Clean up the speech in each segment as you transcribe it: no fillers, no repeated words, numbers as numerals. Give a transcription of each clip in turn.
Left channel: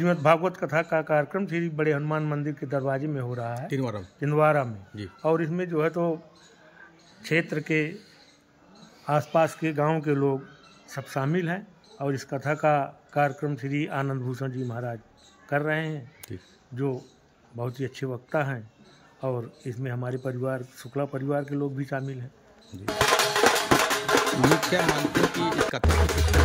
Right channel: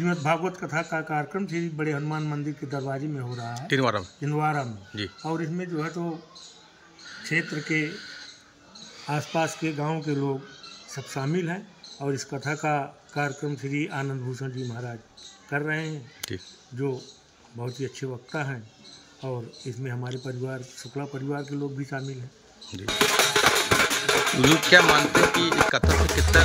श्रीमद् भागवत कथा का कार्यक्रम श्री बड़े हनुमान मंदिर के दरवाजे में हो रहा है, तिनवारा में जी। और इसमें जो है तो क्षेत्र के आसपास के गांव के लोग सब शामिल हैं और इस कथा का कार्यक्रम श्री आनंद भूषण जी महाराज कर रहे हैं, जो बहुत ही अच्छे वक्ता हैं। और इसमें हमारे परिवार शुक्ला परिवार के लोग भी शामिल हैं जी। क्या मानते हैं कि इस कथा से कितना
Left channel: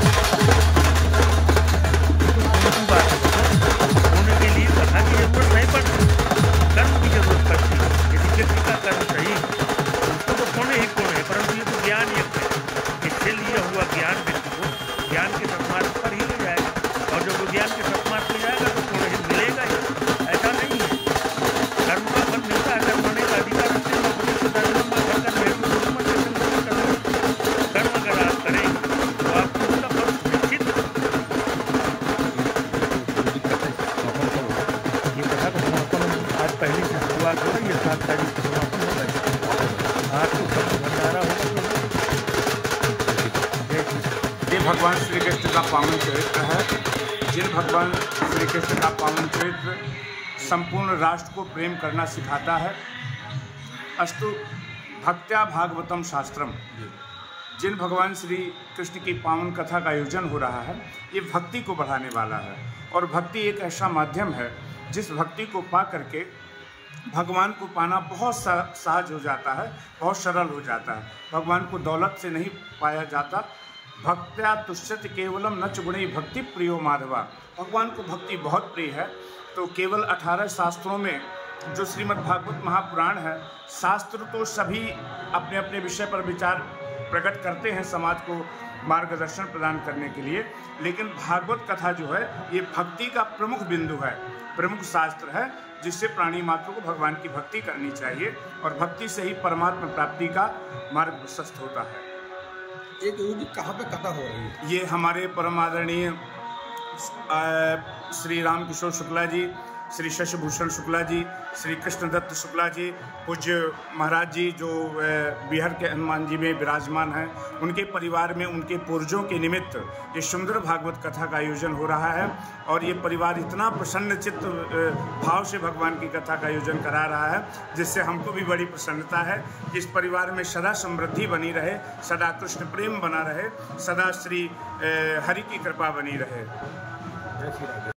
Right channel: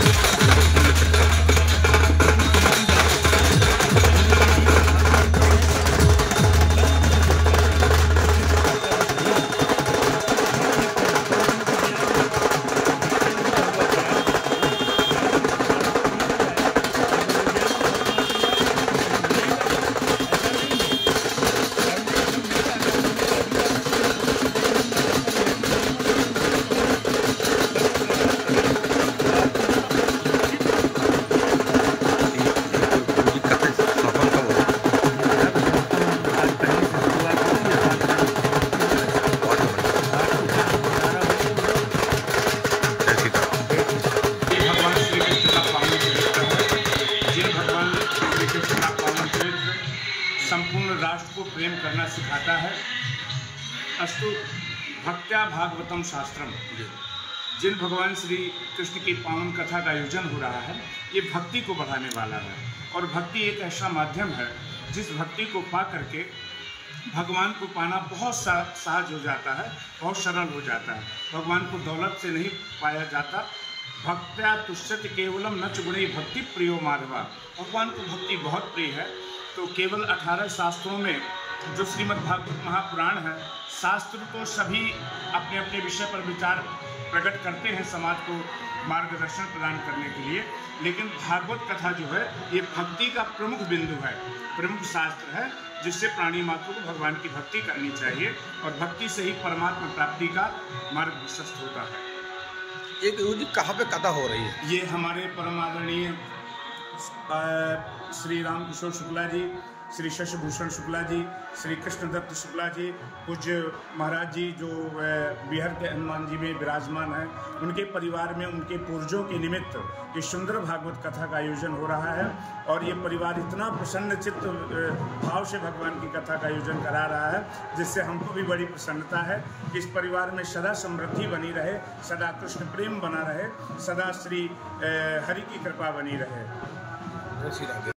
भगवान श्री कृष्ण का पावन चरित्र है। जिन भगवान श्री कृष्ण का पावन चरित्र संपूर्ण राष्ट्र को प्रेम करना सिखाता है। अस्तु भक्त्या भागवतम शास्त्रम। जिन भगवान श्री कृष्ण की पावन कथा का आयोजन हो रहा है, ये भक्ति को बढ़ाने वाला है। और भक्ति एक ऐसा माध्यम है जिस भक्ति को पा करके भगवान को पाना बहुत सहज हो जाता है, बहुत सरल हो जाता है। भगवान को दौलत से नहीं पाया जाता। भक्त्या तुष्यति केवलम न च गुणै भक्ति प्रियो माधवा। भगवान को भक्ति बहुत प्रिय है। तो केवल 18 शास्त्रों में जो श्रीमद् भागवत महापुराण है, शास्त्र तो सभी अपने अपने विषय पर विचार प्रकट करते हैं समाज को मार्गदर्शन प्रदान करने के लिए, लेकिन भागवत कथा जो है ये भक्ति का प्रमुख बिंदु है, प्रमुख शास्त्र है, जिससे प्राणी मात्र को भगवान की भक्ति करनी चाहिए और भक्ति से ही परमात्मा प्राप्ति का मार्ग प्रशस्त होता है। एक जी कहाँ पे कथा हो रही है? ये हमारे परम आदरणीय श्री राम किशोर शुक्ला जी, श्री शशिभूषण शुक्ला जी, श्री कृष्णदत्त शुक्ला जी, पूज्य महाराज जी जो बिहार के हनुमान जी में विराजमान हैं, उनके परिवार में उनके पूर्वजों के निमित्त ये सुंदर भागवत कथा का आयोजन हो रहा है। और ये परिवार इतना प्रसन्न चित्त भाव से भगवान की कथा का आयोजन करा रहा है, जिससे हमको भी बड़ी प्रसन्नता है कि इस परिवार में सदा समृद्धि बनी रहे, सदा कृष्ण प्रेम बना रहे, सदा श्री हरि की कृपा बनी रहे। जय श्री राधे।